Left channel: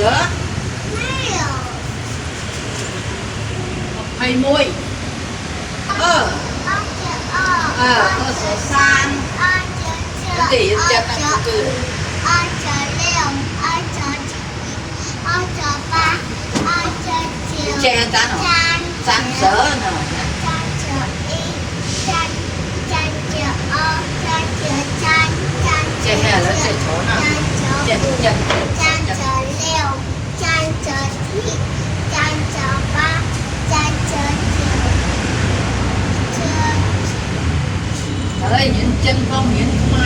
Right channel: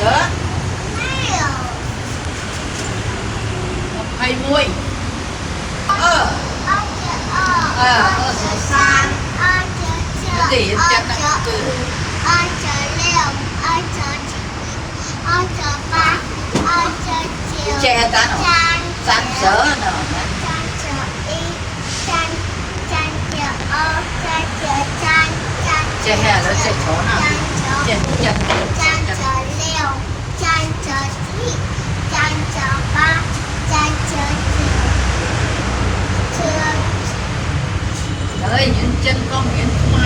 sữa 20 số sang cái gì chân là từ che ta nó sang sữa nó che hè nó che chỗ nào che chân ở đây nhìn chân không nhìn